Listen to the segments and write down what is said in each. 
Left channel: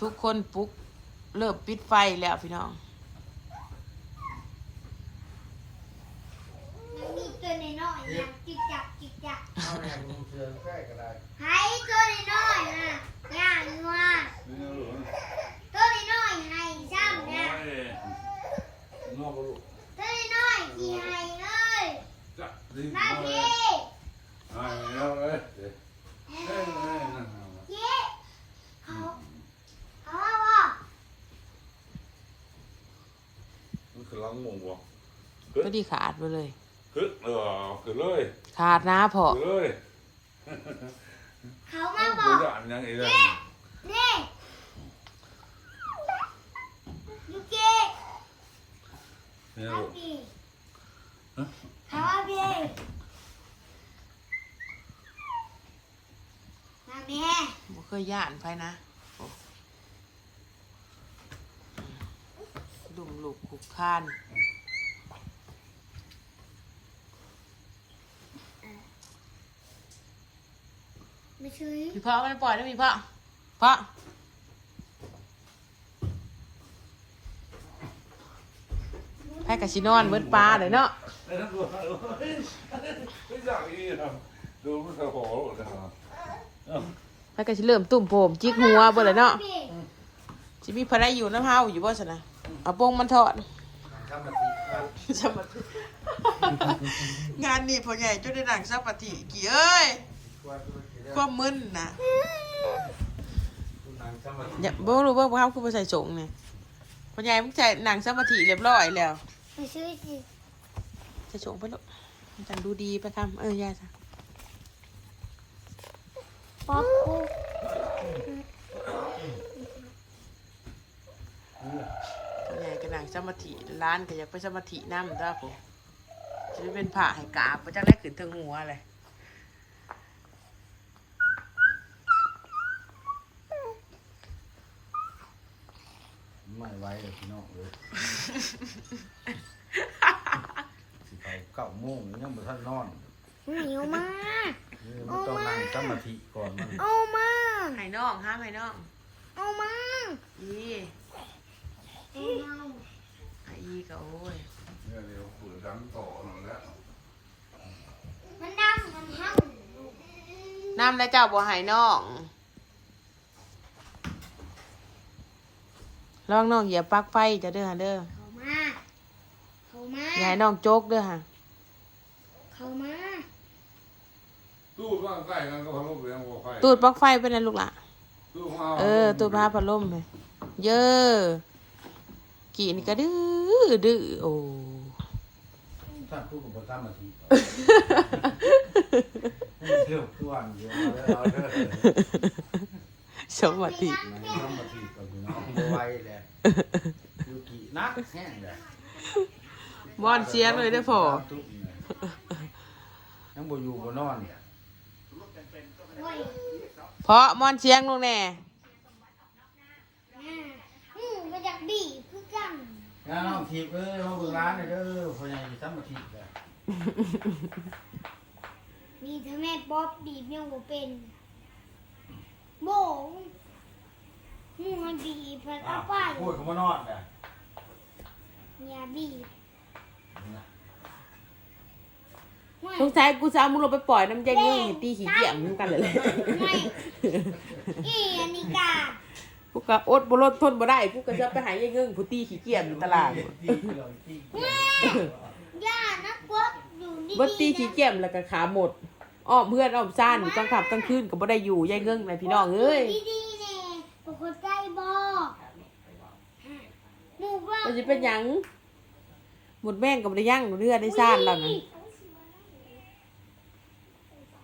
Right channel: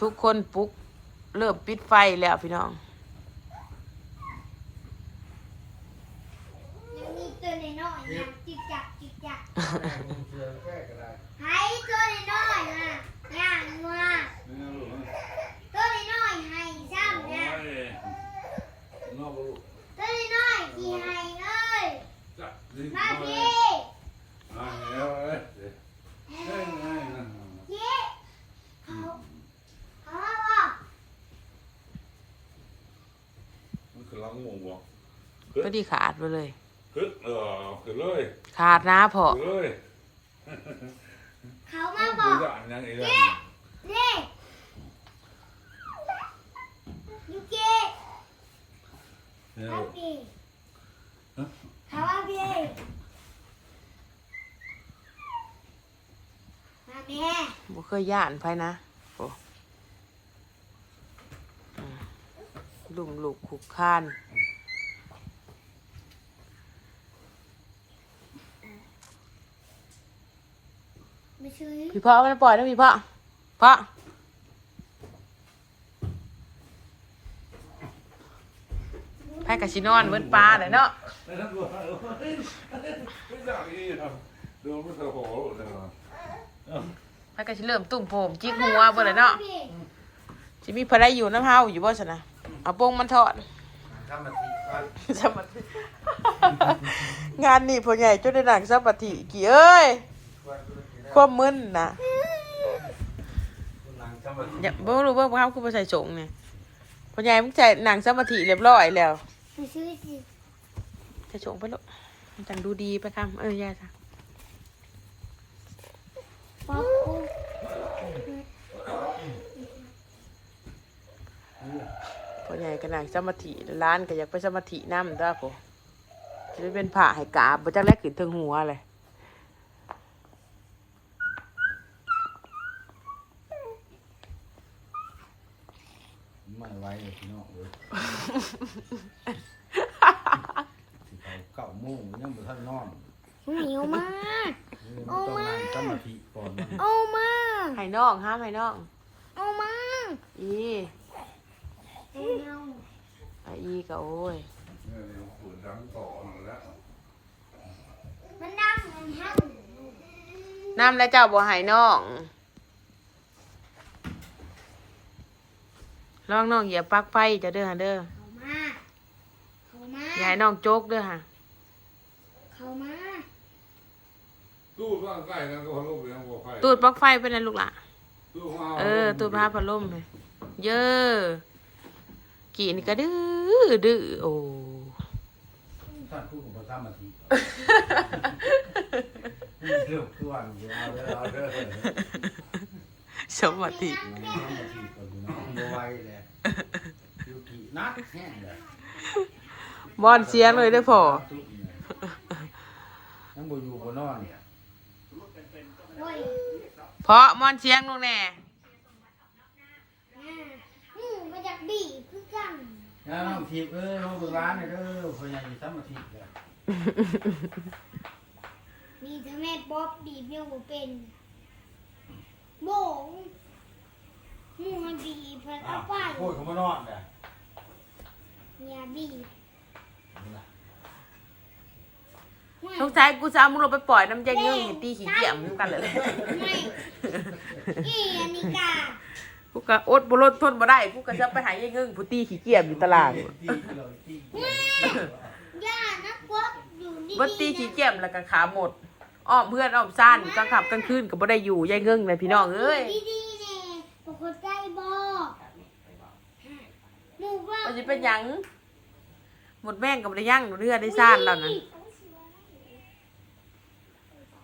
ทุกคนปลุกเริ่มปิดไฟแล้วพี่น้องยังมีตัวน้อยๆอย่างจิกจักจิกจักให้ตัวน้อยๆนะอย่างว่าตัวน้อยๆให้ซ้ำนะตัวน้อยๆที่ให้เลยมาพี่เย้เขาเขาว่าบอก มันคือลังงงวะ ก็ดีขาดไปเลย คือเออคือเลยขาดนะพอคือเลยเขามาบคืออกจะอันยังไงล่ะนี่ยูเกะเนี่ยมาพี่เขาว่าพี่มาแม่บ่เคยย่านไฟนะโอ้อืมลุมลูกขุกคาน ไม่ช่วยพี่พ่อก็ปล่อยนะพี่พ่อพ่อไพ่กับชินอนเวิร์ดปลาเลยเนาะไอ้นั่นดูไม่อยากอีนะดูมันสะโหนะไพ่กับชิเริ่มตุ่มโผมจิกหัวเบ่เลยเนาะชิมีพระได้อยู่น้ำเฮาอยู่บ่สนะเอาโป้งมันทอดสมาธิงานนี่พ่อใหญ่จนได้หนังสมาธิกี่เอ้ย ความมึนนะอย่าบ่รู้เบิ่งบ่ครับคือบ่ใส่สงเนี่ยพ่อใหญ่มึงใส่หนังสมาธิเรียบร้อยแล้วไม่ช่วยสิใส่สงไปลูกมันจังดูดีไปคำเออย่าจ้ะป๊อปกูพ่อใหญ่ก็หนังสมาธิร้านก็อยากไปสมาธินำด้อพ่อจะได้เป็นผ้าให้กาบบ่จักแลกขึ้นถึงหัวเลย ไม่ไหวเลยพี่น้อง เลยสิไปเก้าโมงยังบ่ทันนอนเหนียวมากนี่มันต้องนั่งสมาธิก่อนมันเอามาให้น้องห้ามให้น้อง เอามาอีเอาอะอีก็โอ้ยเนี่ยเดี๋ยวขุนดังต่อหน่อยแล้วมันดำมันห้น้ำแล้วเจ้าบ่ให้น้อง ลองน้องเหยียบปลั๊กไฟจะเด้อฮะเด้อำเขามา เขามา อย่าให้น้องโจกเด้อฮะเขามา ตู้ร่างใกล้กันก็พะโล้เลี้ยงวัวไฟตูดปลั๊กไฟเป็นนะลูกหล่ะ ตู้มาเออ ตูดพาพัดลมเลยเยอะกี่นี่ก็ดื้อดื้อโอ้ถ้าพูดกับสมาธิให้มันเที่ยวทุกวันอยู่เอาเด้อเอาเด้อสวัสดีสมาธิก็อยู่น้องบ่ไหวเลยอ ยู่กี่นักแห้งเลยบอนเสียงเลยได้อพอยังบ่อยู่บ่นอนโอ้ยเพราะมอนเสียงลูกแน่อ่าอืมมาจากบีคือกันงานน้องทีบเอ้ยมาเบิ่งร้านหน่อยเด้อพ่อใหญ่สมาธิเลยมีถ้าแม่ป๊อปบีบยังบ่เป็นโบง มัวบีบเพิ่นเอาไปพูดเขามานอนเลยอย่าบีบไม่สงสัยกูจะเอามึงลงไปปล่อยน้ำใจเงี้ยตีขี้เกียจมึงกันเลยไม่อีอันนี้กากูก็อดบรดทนบ่ได้กูก็จะไปหายายเงิงผู้ตีขี้เกียจอยู่ตลาดตีเลยตีย่านะป๊อปอยู่นี่บ่ตีขี้เกียจแล้วก็ขาหมดอ้อมเพื่อนอ้อมซ่านกลางค่ำกลางคืนก็บ่ได้อยู่ยายเงิงเลยพี่น้องเอ้ยดีๆแน่ปกติบ่ห มู่บ้านมันจะเป็นหยัง หมดแม่งก็บ่ได้ยั่งเรือได้ซ่านแล้วนะ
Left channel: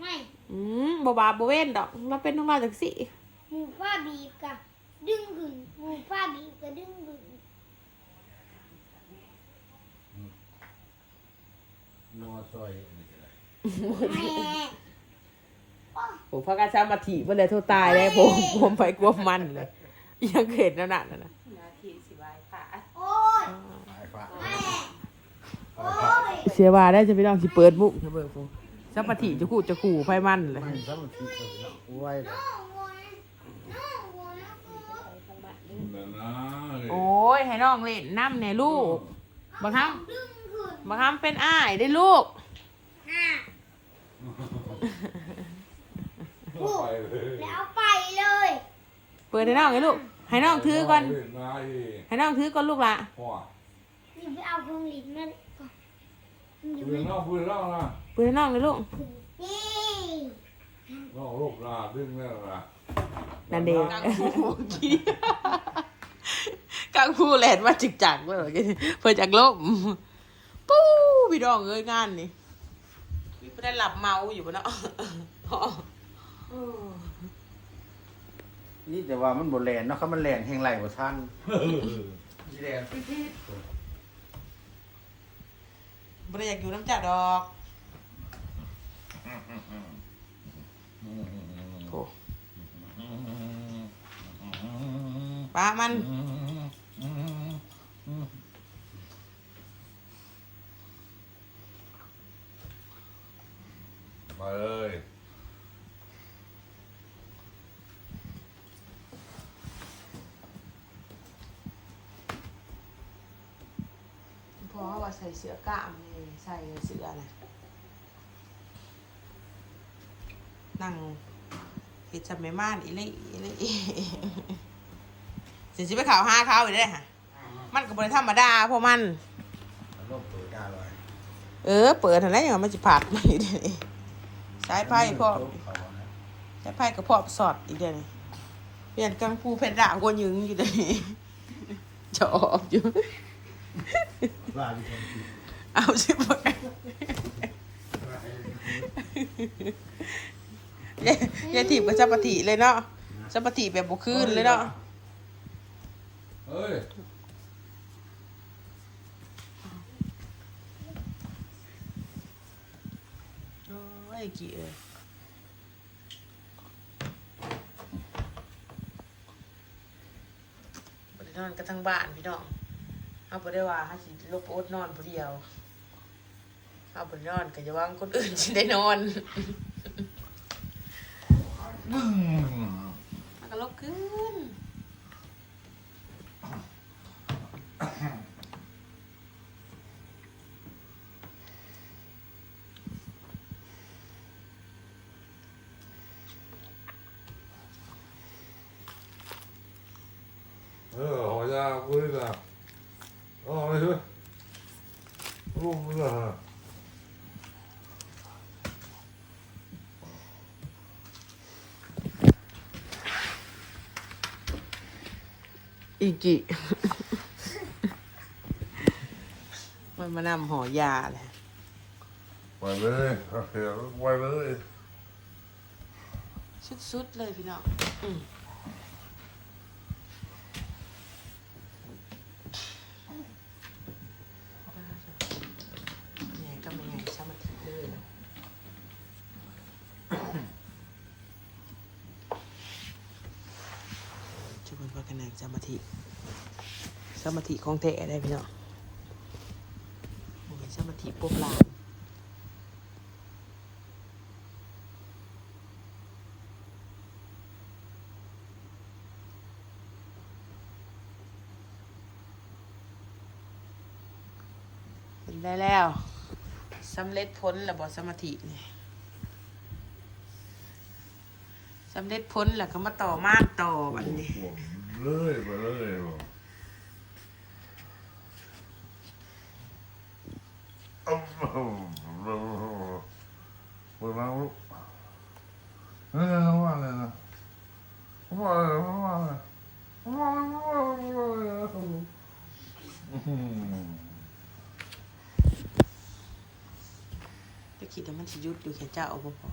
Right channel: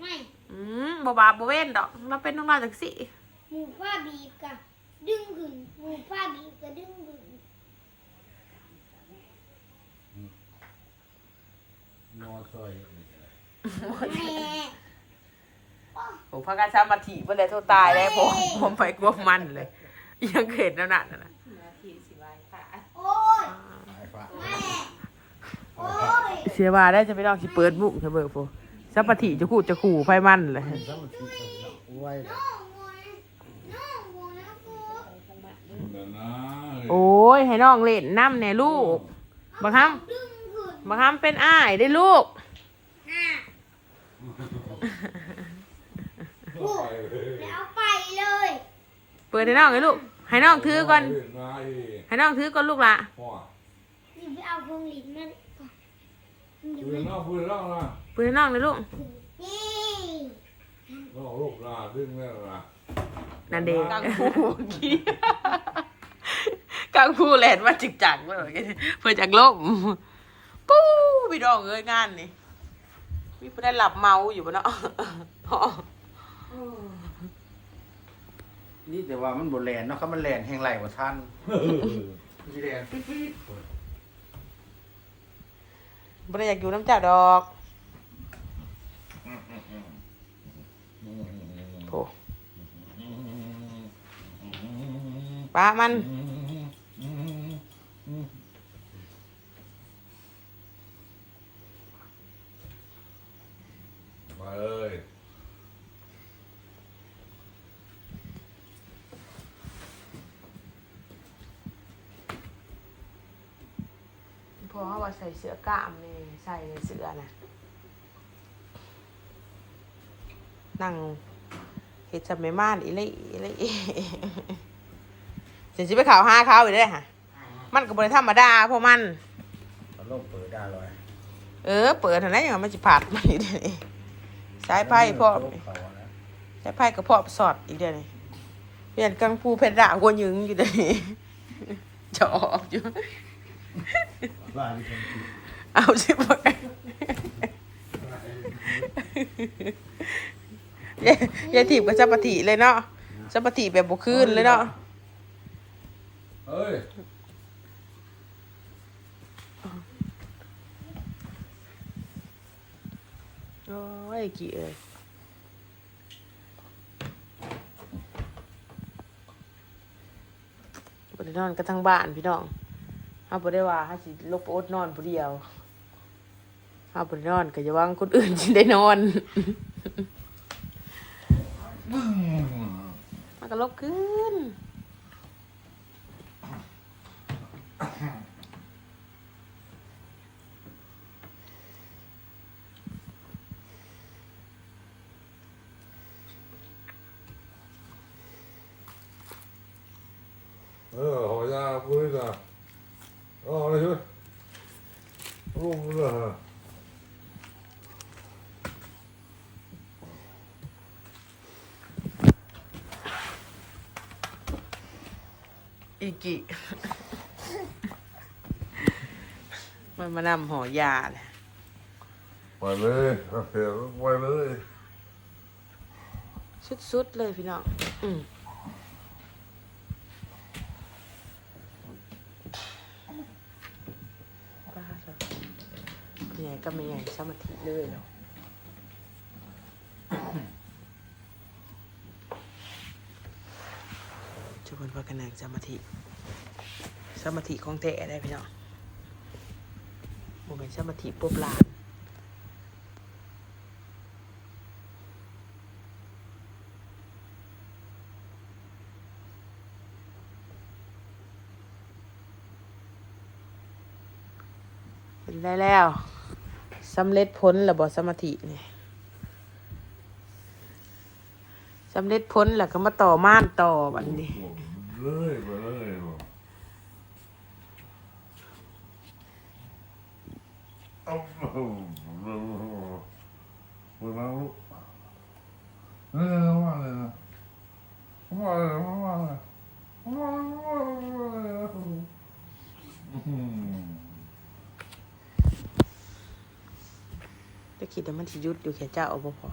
ไม่อืมบ่บาบ่เว้นดอกมาเป็นน้องเราจังสิหมู่ป้าบีบกะดึงขึ้นหมู่ป้าบีบกะดึงขึ้นนอซอยแม่ผมพากันสมาธิบ่เลยโทษตายแล้วผมผมไปกลัวมันเลย ยังเห็นนั่นน่ะนะ โอ้ย หายฟ้า แม่โอ้ย เสียว่าได้จะพี่น้องสิเปิดมุกจะเบิกโฟสมาธิจะขู่จะขู่ไฟมันเลยสมาธิก็ไว้เลยน้องวัวน้องวัวนะกูนะนะโอ้ยให้น้องเล่นน้ำแน่ลูกบังคับดึงขึ้นบังคับเป็นอ้ายได้ลูกน่ะไปเลยแล้วเอาไปเลย เปิดให้น้องให้ลูก ให้น้องถือก่อนมาอีกให้น้องถือก่อนลูกละพ่อนี่ไปเอาเครื่องลิ้นมาก่อนนี่ ปืนเล่าปืนเล่านะเปิดให้น้องเลยลูกนี่น้องลูกลาดึงแม่ละนั่นเด็กกังฟูกี้กังฟูแลนมาจิกจักเลยเพื่อจากล่มปู้พี่น้องเอ้ยงานนี่พี่ไม่ได้หลับเมาอยู่ปะเนาะนี่แต่ว่ามันบ่แลนเนาะเขามันแลนแห่งไหลกว่าท่านสิแลนปิ๊ด ไม่ได้อยากอยู่น้ำเจ้าดอกโถป้ามัน มาเลยพอเขาว่าใส่เสื้อกล้ามนี่ ใส่เสื้อนะนั่งเห็ดจับไม่ม่านอีเลยอีเลยเสียสิไปข่าวห้าเขาอีกได้อค่ะ มันก็บริธรรมดาเพราะมันอารมณ์เปิดได้เลยเออ เปิดเท่านั้นอย่างมันจะผัดมาอีกเดี๋ยวนี้สายไพ่พ่อสายไพ่กับพ่อสอดอีกเดี๋ยวนี้เปลี่ยนกังฟูเพชรด่างกวนยึงอยู่เดี๋ยวนี้จะออกอยู่ลาดิฉันผิด เอาสิบกันยายยายถีบกับจับปะติเลยเนาะจับปะติแบบบุคืนเลยเนาะเฮ้ยโอ้ยกี่เอ้ยบได้นอนกันทั้งบ้านพี่น้องเอาบ่ได้ว่าให้สิลบอดนอนผู้เดียว เอาบ่ได้นอนก็จะว่างคนอื่นสิได้นอนบึ้งมันก็ลบขึ้นเออหอยาพูดนะอ๋อไม่ใช่พูดน อีกิมันมานำห่อยาเลยไปเลยโอเคไปเลยสุดๆเลยพี่น้องอืมบ้าจ้ะเนี่ยก็ไม่ไงสมาธิเลยเนาะ ทุ กคนว่ากันนั่งสมาธิสมาธิของแท้ได้พี่น้องโมเป็นสมาธิปุ๊บลานเป็นได้แล้วสำเร็จพ้นระบอสมาธิเนี่ยสำเร็จพ้นแล้วก็มาต่อม่านต่อบัดนี้ เลยไปเลยอ้าเปิดมาลูกนี่นี่นี่ว่าเลยนะว่าเลยว่าเลยว่าเลยว่าเลยอืมตะคิดแต่มันสิหยุดอยู่แค่เจ้าเอาบ่พอ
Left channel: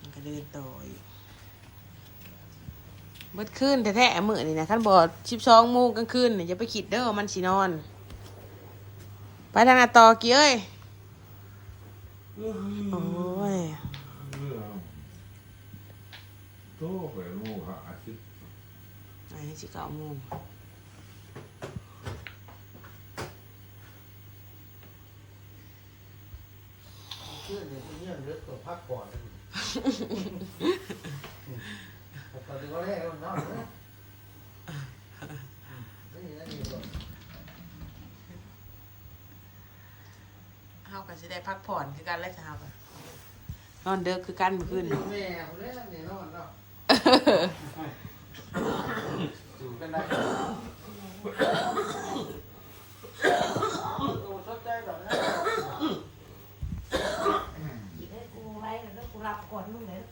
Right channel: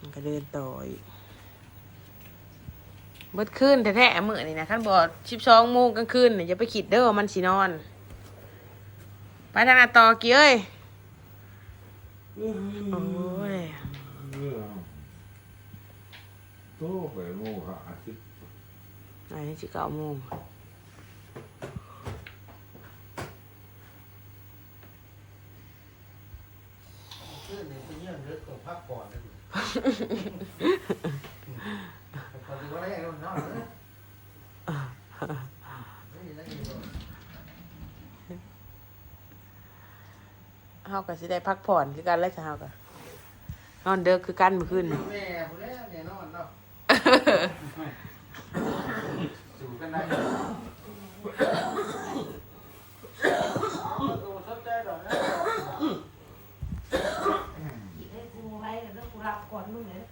มันก็เดินต่ออีกเบิดขึ้นแท้ๆมื้อนี่นะคันบ่ชิบสองโมงกลางคืนนี่จะไปคิดเด้อว่ามันสินอน ไปทางหน้าต่อกี่เอ้ยโอ้ยโตไปโมหะอาทิตย์อันนี้สิเก้าโมงพักผ่อนนะตอนนี้ก็แรกเนาะ เฮาก็สิได้พักผ่อนคือกันแล้วจะเฮาก็นอนเด้อคือกันเมื่อคืนนี่แม่คนนี้แน่นอนเนาะอยู่กันได้โอ้เข้าใจดอกนะ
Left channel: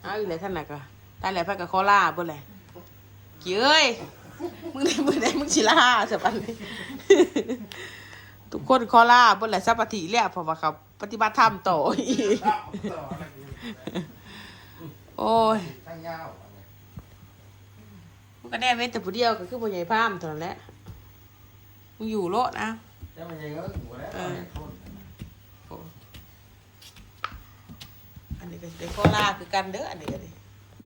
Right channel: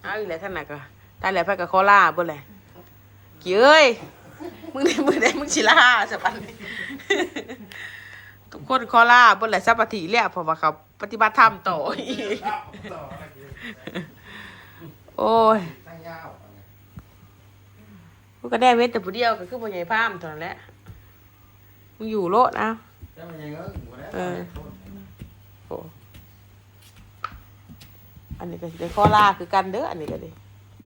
เอาอีกแล้วท่านน่ะก็ ตายแล้วไปกับคอล่าบ่แหละกี่เอ้ยมึงได้มึงได้มึงสิล่าซะปันนี้ทุกคนคอล่าบ่แหละสัปปะทีแล้วเพราะว่าเขาปฏิบัติธรรมต่ออีกต่อกันโอ้ยตั้งยาวมึงก็ได้เว้นแต่ผู้เดียวก็คือบ่ใหญ่พามเท่านั้นแหละมึงอยู่โลดนะแล้วมันยังเงอะอยู่แล้วโอ้อันนี้ก็สิได้คอล่าคือกันเด้ออันนี้ก็ดิ